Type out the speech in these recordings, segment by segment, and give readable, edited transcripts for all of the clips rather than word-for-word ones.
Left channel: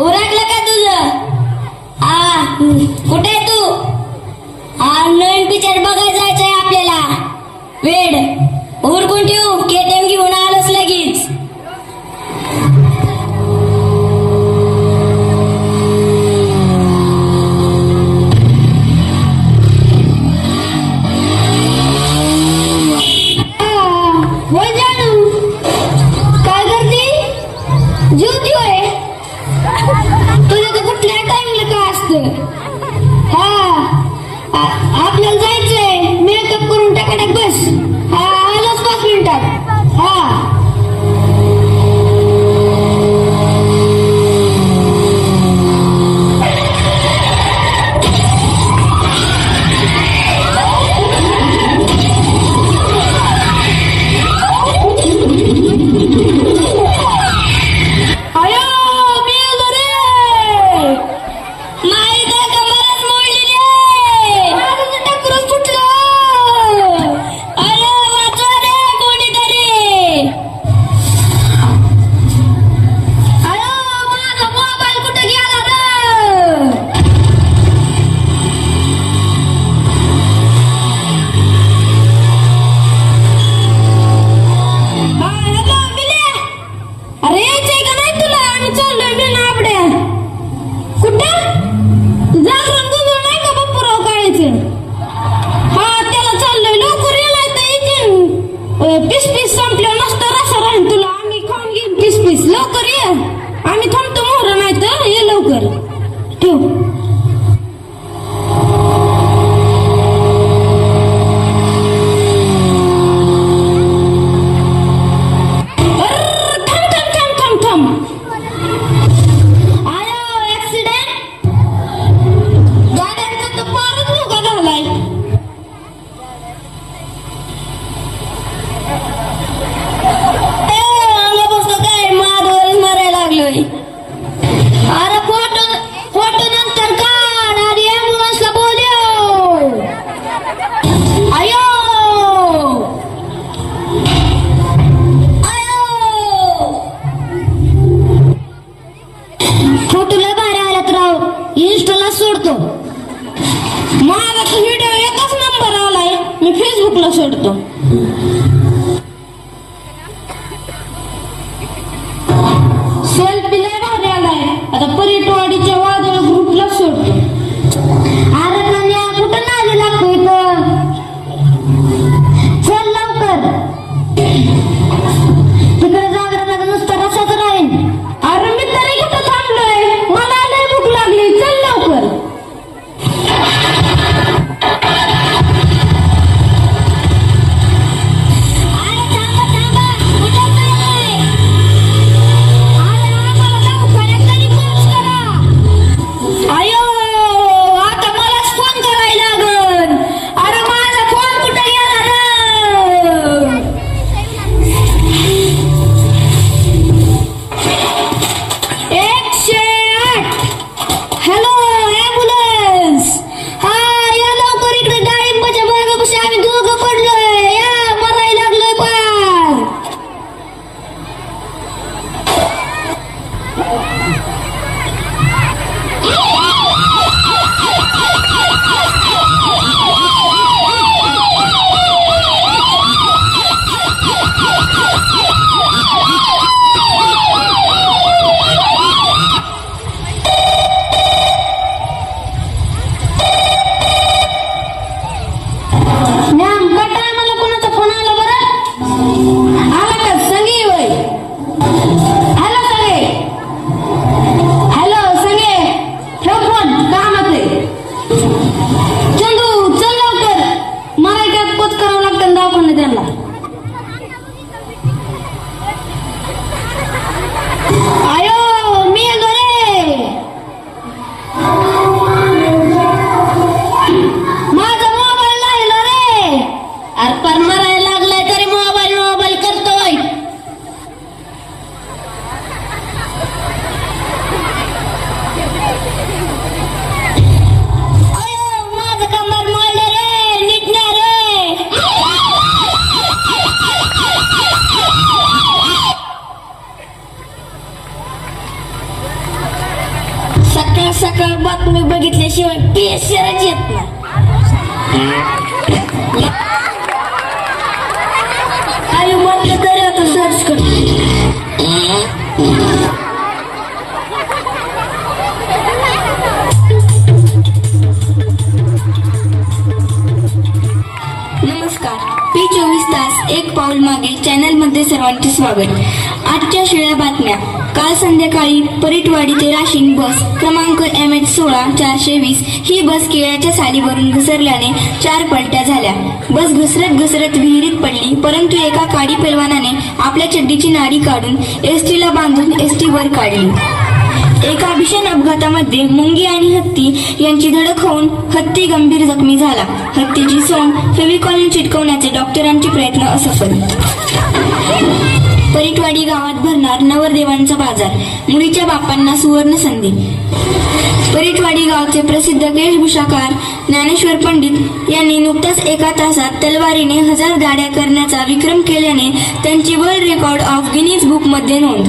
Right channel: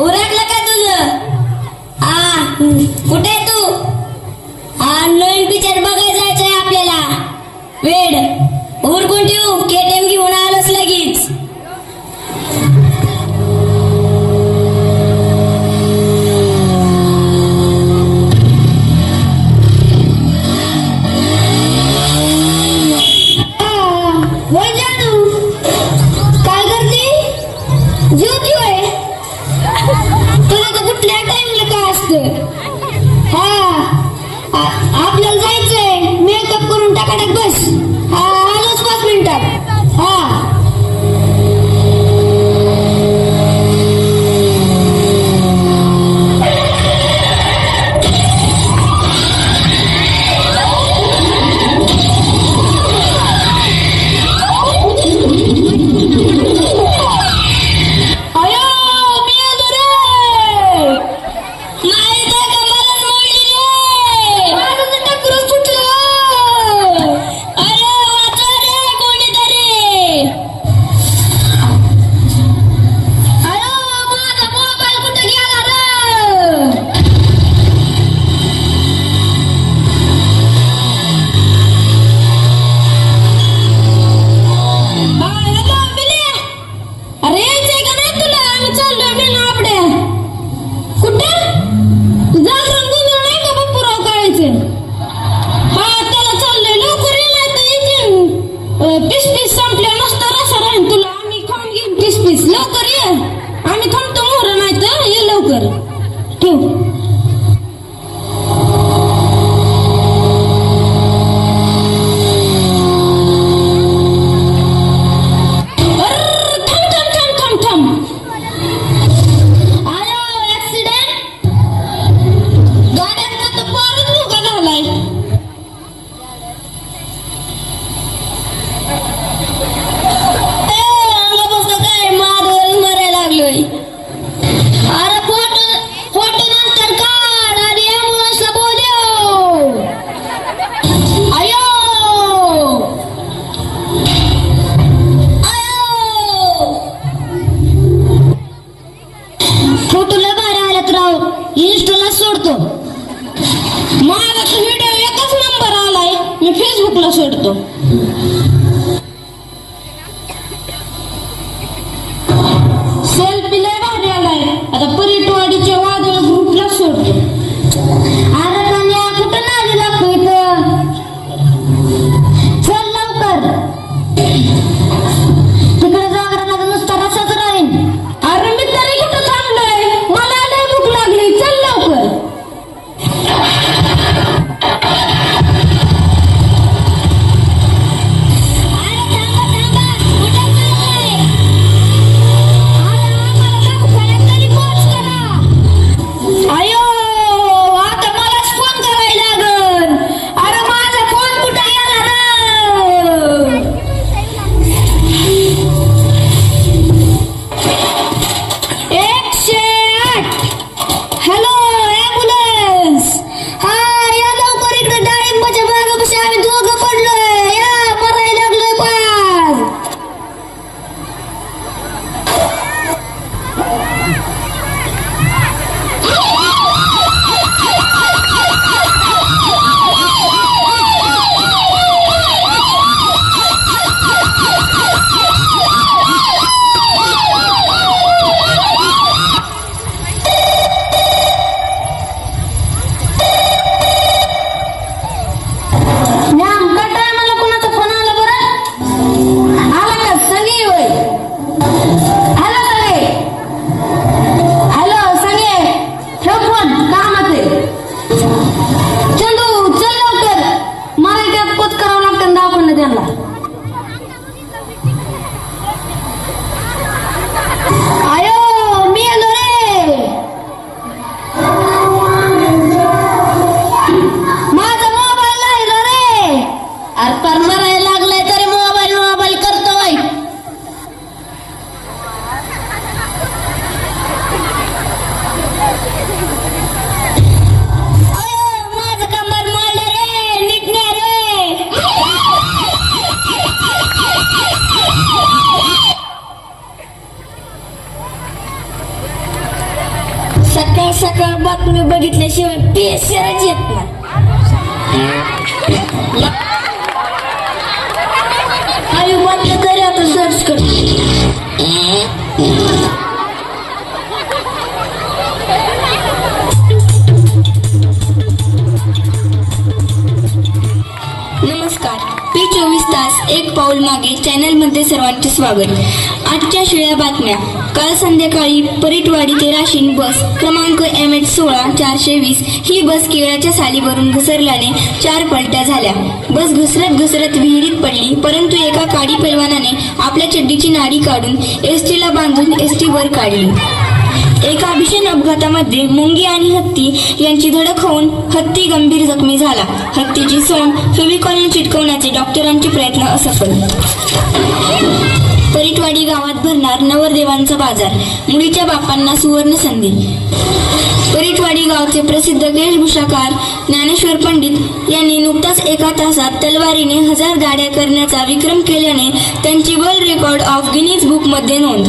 उरकलं का तुझं? कुठे आहे तू? नवीन पिक्चर बघायला जायचंय आपल्याला. वेड उरकून ठेवू, केटीएम घेऊन आलोच लगेच. आपल्याला जायचंय, मेकअप करून टाकायला बस. आलोच 5 मिनिटात. लवकर ये, आम्ही थांबतो. मोहर नाही तर ये लवकर. ठेव. अरे फोटो नंतर काढ. अरे ॲम्ब्युलन्सला बोलव. आयो फोटो लय भारी आल्यात राव. इंस्टाला सोडतो. माझा व्हिडिओ एकच नंबर आलाय, मी फेसबुकला सोडतो. सेल्फी लय भारी आलाय, आता पर्यटवाडीच्या वादळ ग्रुपला सोडतो. अरे कन्या कुठं नादी लागतोय इथं? चल लवकर. तिकडे जागरणात नुसता रसाच राहील. अरे मी तरी कुठं थांबलोय, मला लय भूक लागली. चल लवकर. सकाळ सकाळ बातमी बघितल्याशिवाय पेशरच येत नाही. आई म्हटलं तरी आता सर्च करते. नमस्कार, P24 तास एक पाऊल मागे चॅनल मध्ये सर्वांचे स्वागत. आजच्या शिळ्या बातम्या. काल संध्याकाळी परीटवाडी ते राशीन बस क्रमांक MH16-420 ही बस केळाच्या सालीवरून घसरल्याने 4 पलट्या झाल्या. बस घसरत विहिरीत पडली, परंतु एका काडी पैलवानाने आपल्या चड्डीची नाडी काढून एसटीला बांधून एसटी वर काढली. एका भीषण अपघातामध्ये मुंगी आणि हत्ती यांची धडक होऊन हत्ती गंभीर जखमी झाला. हत्तीची सण फेविकॉलने चिटकवण्याचे डॉक्टरांचे प्रयत्न असफल. परीटवाडी गावात भरणार नवरदेवांचा बाजार, मुलीच्या बापांना सुवर्ण संधी. परीटवाडी गावचे प्रसिद्ध वेशभूषाकार ज्ञानेश्वर पंडित यांनी नुकताच एका तासात तलवारीने 1000 गाड्या करण्याचा विक्रम केल्याने त्यांची world record of Guinness book मध्ये नोंद.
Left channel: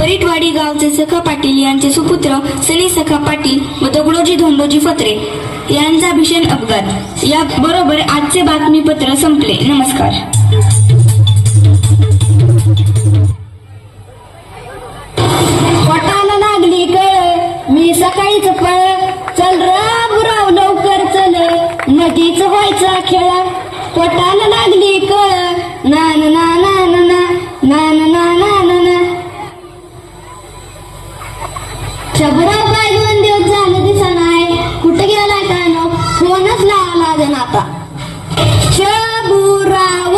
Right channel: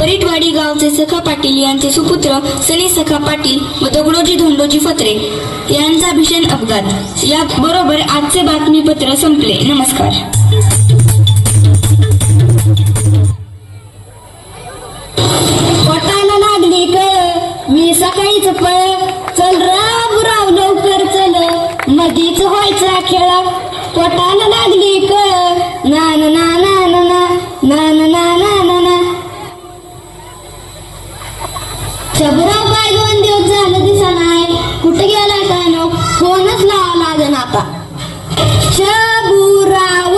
परीटवाडी गावचे सखा पाटील यांचे सुपुत्र सनी सखा पाटील व दगडोजी धोंडोजी फत्रे यांचा भीषण अपघात. या बरोबर आजचे बातमीपत्र संपले. नमस्कार. पोटाला लागली कळ, मी सकाळीच पळ, चल राव लवकर चल, नदीच व्हायचा खेळ. पोटाला लागली कळ, ना ना ना ना ना ना ना ना ना ना ना. शबराव बाय 2 दिवस झालं दिसा नाही, कुठे गेला काय नो, फोनच लावा लागेल आता. शबुराव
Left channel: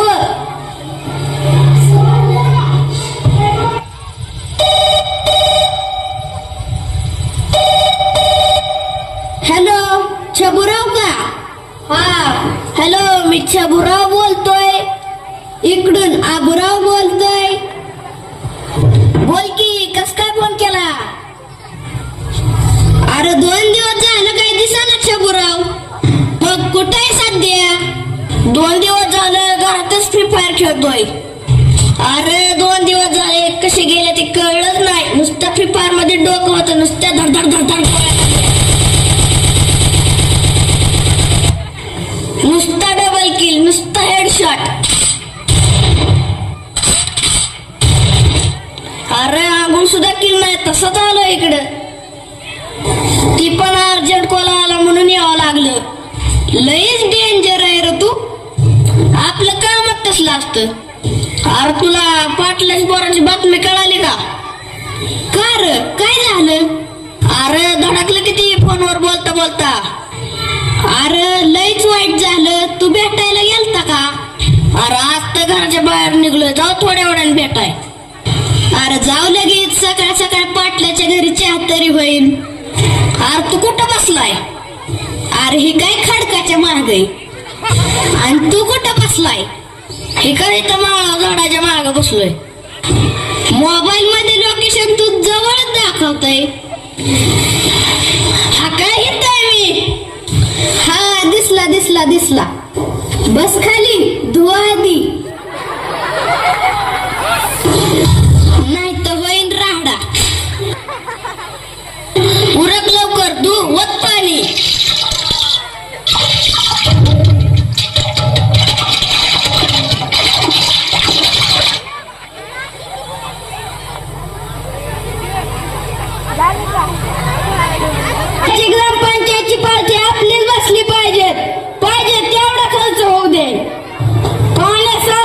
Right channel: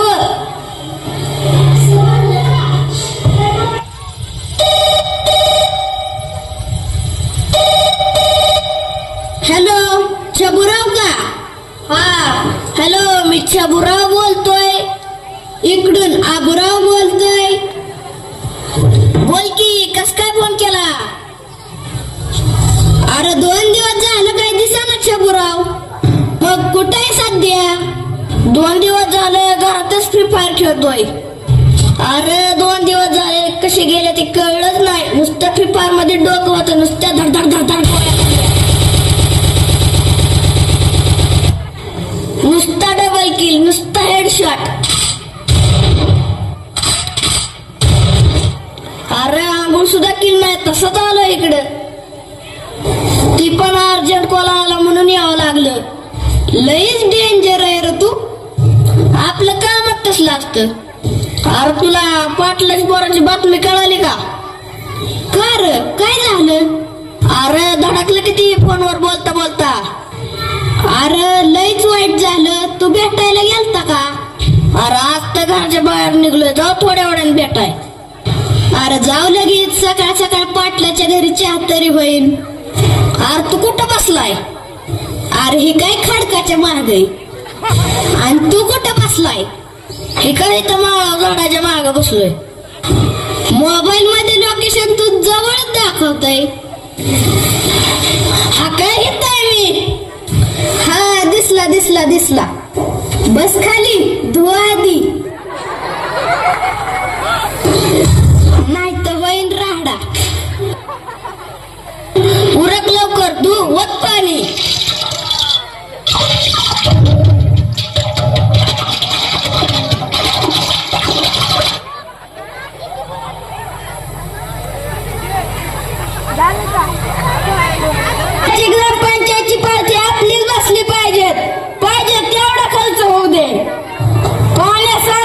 हॅलो, शबुराव का? हा हॅलो, मी शबुराव बोलतोय. इकडून आबुराव बोलतोय. बोल की, कस काय फोन केला? अरे 2 दिवस झालं काही दिसाना शबुराव. मग कुठे आहे सध्या? 2 दिवस झालं घरातच फ्री फायर खेळतोय. अरे 2 दिवस झाले कसे गेले ते कळलंच नाही. नुसतं फ्री फायर मध्ये डोकं होतं, नुसत्या धडधड धडधड, नुसता डबल किल, नुसता हेडशॉट. अरे आंघोळ सुद्धा किल नाही, तसंच आलो इकडं. ती पण अर्जंट कॉल आला म्हणून यावं लागलं. लईच डेंजर आहे रे तू. आपलं कामच तसलं असतं. अरे तुला पाटलाची पोराची बातमी कळाली का? का रे, काय झालं? अरे धडकलं किती फोनवर बोलता बोलता. अरे लईच वाईट झालं. तू भेटायला गेलता का? अरे आज तर घराच्या बाहेर निघलोय, जाऊ थोड्या वेळाने भेटाय. अरे जाऊ लगेच, सकाळ सकाळ पाटलाच्या घरी चहा तरी होईल. अरे तू कुठं बसलाय? अरे हे काय खडकाच्या माग आहे. आणि तू कुठं बसलाय? हे काय इथं झाडाच्या माग बसलोय. मोबाईल मध्ये लोकेशन तू जवळच दाखवतोय. हा काय येतोय मी? हा दिसला दिसला दिसला. बस खाली, धुवा आधी, नाही तर होईन राहडा. उरक लवकर, धु वत पाणी. ग्रामपंचायतची पार्टी आपलीच बसली पाहिजे तेवढा खर्च होऊ दे. पाण्याचा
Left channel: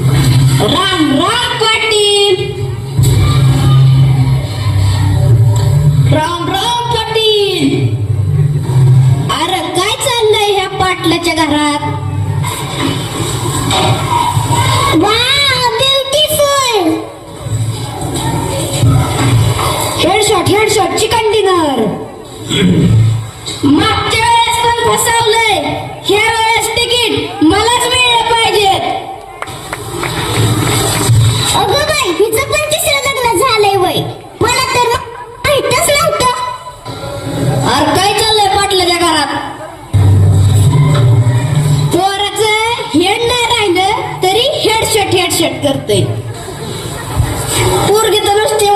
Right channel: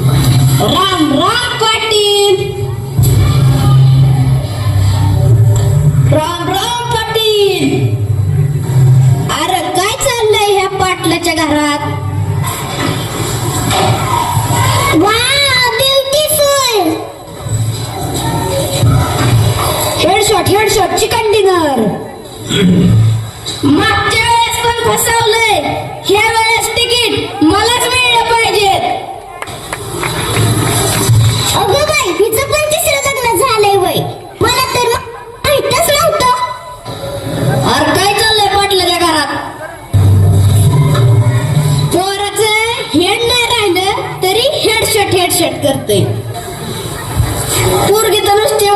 राम राम पाटील. राम राम पाटील. अरे काय चाललंय ह्या पाटलाच्या घरात? ब्युटिफुल. Headshot chicken dinner. मागच्या वेळेस पण फसवलंय, ह्या वेळेस तिकीट मलाच मिळलं पाहिजेत. अगं बाई, हिचं पण तिसरं लग्न झालंय वय. मला तर माहीतच नव्हतं. अरे काय चाललंय पाटलाच्या घरात? पोराचं हेड नाही राहिलं तरी हेडशॉट करते. पोरगी तर नुसती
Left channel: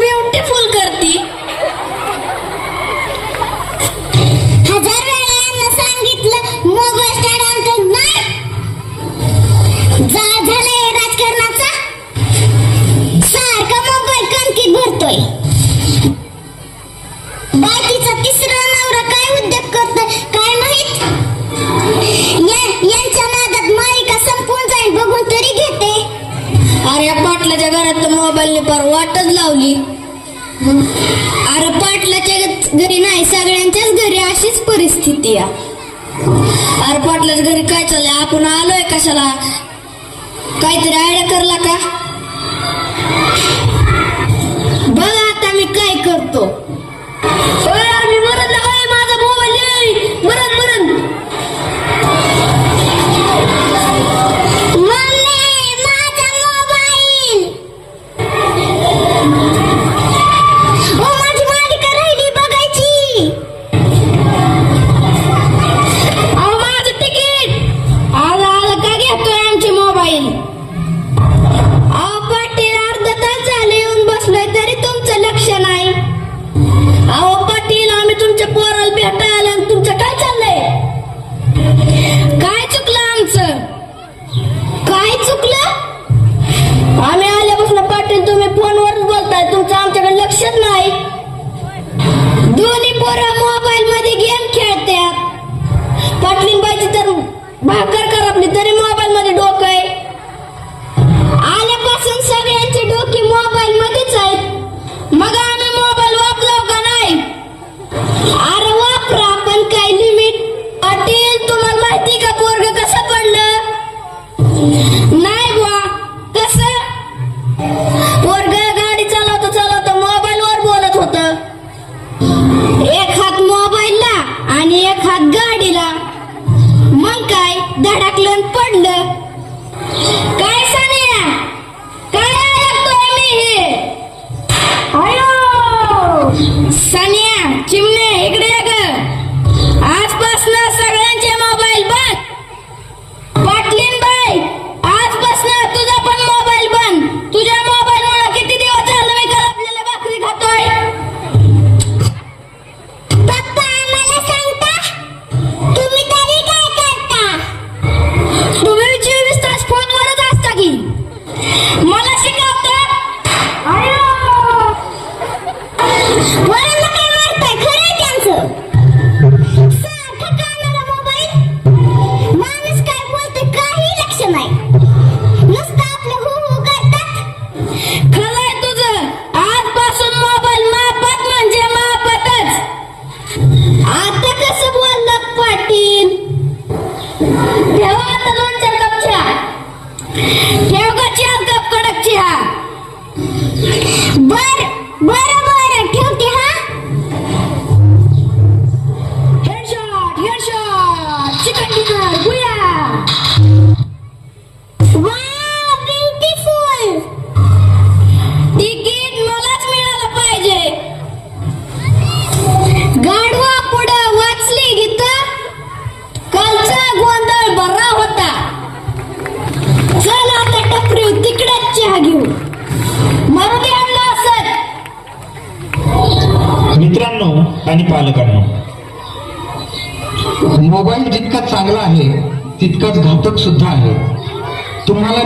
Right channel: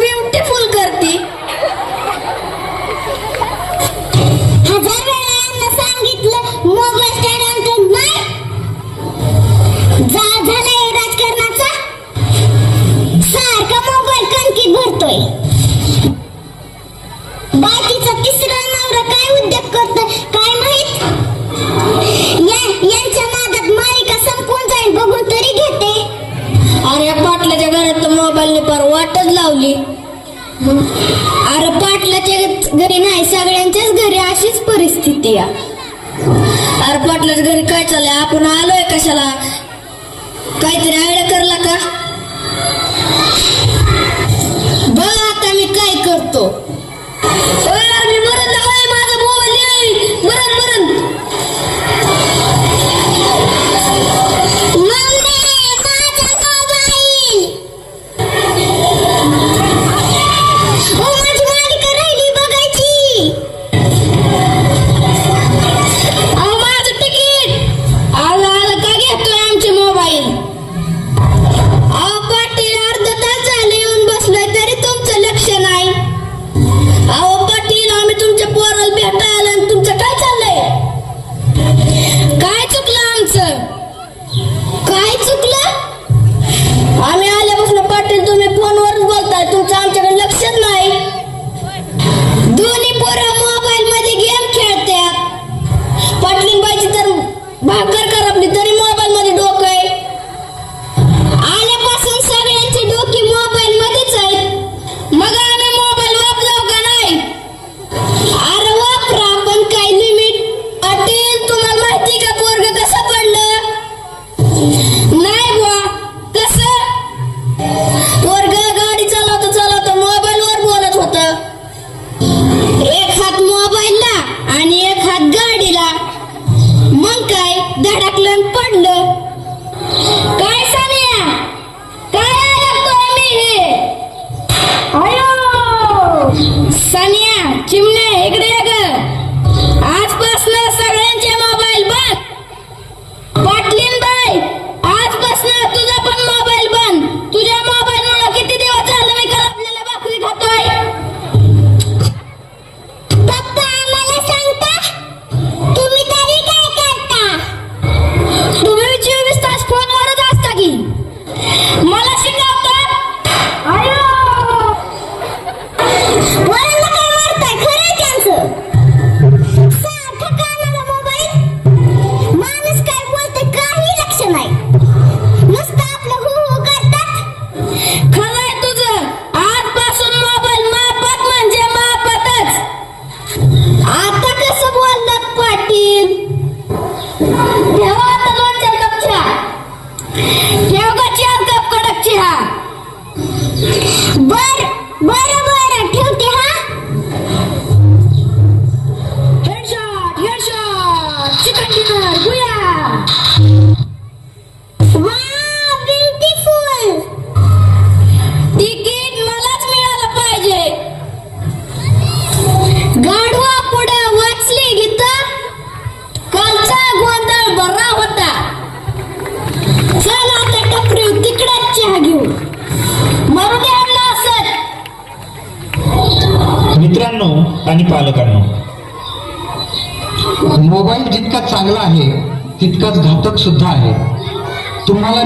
ब्युटिफुल करते. हजार वेळा यांना सांगितलं मोबाईल स्टँड आणतो नाही. झालंय राजकारणाचा. सारखा मोबाईल कणकीत भरतोय. बाकीचा तिसरा नवरा काय उद्योग करतोय काय माहित. यांच्या नादात मालिका संपून जाईल बघून तरी घेते. अरे पाटलाच्या घरात तर मोबाईलने पार वाटच लावली. अरे पाटलाच्या घरी नाही, सगळ्यांच्याच घरी अशीच परिस्थिती आहे. अरे पाटलाच्या घरी काय चाललंय? आपण आलोय कशाला? काहीतरी आयडिया करला का? बघा आता मी काय करतो. मी मरण लावाय माझा मोबाईल मरण. मम्मी, माझा मोबाईल. माझी मालिका राहिली बघायची. अहो माझं तिकीट आलं का घेतोय आमचे मोबाईल? अहो पाटील, अर्धा तास झाले येऊन बसलोय तरी तुमचं लक्ष नाही. अहो पाटील, आम्ही तुमच्या पोराला भेटायला आणि तुमचं काय चाललंय? काय चुकलं आमचं? काय चुकलं? आम्ही आल्यापासून पाटील तुम्ही फोनवरच बोलताय, तुमचं आमच्याकडे लक्षच नाही. दोन्ही पोरं मोबाईल मध्ये गेम खेळतात. पाटलींबाईची तर भाकर करपली तरी मोबाईल मध्ये डोकं आहे. आल्यापासून सगळ्यांची डोकी मोबाईल मध्येच आहेत. मग आम्ही मोबाईल वापराव का नाही? अरे वापरा, पण काय लिमिट. पाटील, तुम्हाला माहिती का पोरग कसं पडलं? नाही बा, कसं? पोरग गाडी चालवता मोबाईल वर बोलत होत. एक हात मोबाईलला आणि एक हात गाडीला. मग काय धडकलं आणि पडलं. काय सानिया, काय ऐकतोय मी हे? अयो सानिया, चिमणे इकडे ये ग. आजपासून सगळ्यांचे मोबाईल बंद. पाटलीनबाई, आजपासून तुझा पण मोबाईल बंद. तुझ्या मोबाईलमुळे किती दिवस झालं मी करपलेल्या भाकरी खातोय. पप्पा, आम्हाला सांगता तुम्ही तरी काय करता. तुम्ही 24 तास फोनवरच असता की मला शिकवता. वरांना काय मारताय? खरंय त्यांचं. सारखं कानाला मोबाईल. माणूस काय बोलतोय काही लक्ष नाही. नुसतं आपलं हो करतात. खरंय तुझं. आजपासून मोबाईल मापात म्हणजे मापातच. आता कसं बोललात पाटील? ठेवा आता 2-4 कप चहा. ठेव का 4 कप कडक चहा. बरं ठेवते हा. हेडशॉट चिकन डिनर गुया. Wow, beautiful. तिकीट मलाच मिळालं पाहिजे. गाढवा पुढं वाचली गीता. कालचा गोंधळ बरा होता. चला आता टपरी तिकडेच चहा घेऊ. मरू दे आणलं असत. मित्रांनो आणि पालकांनो, मोबाईल जितका चांगला आहे तितकाच घातक सुद्धा आहे. तुम्हाला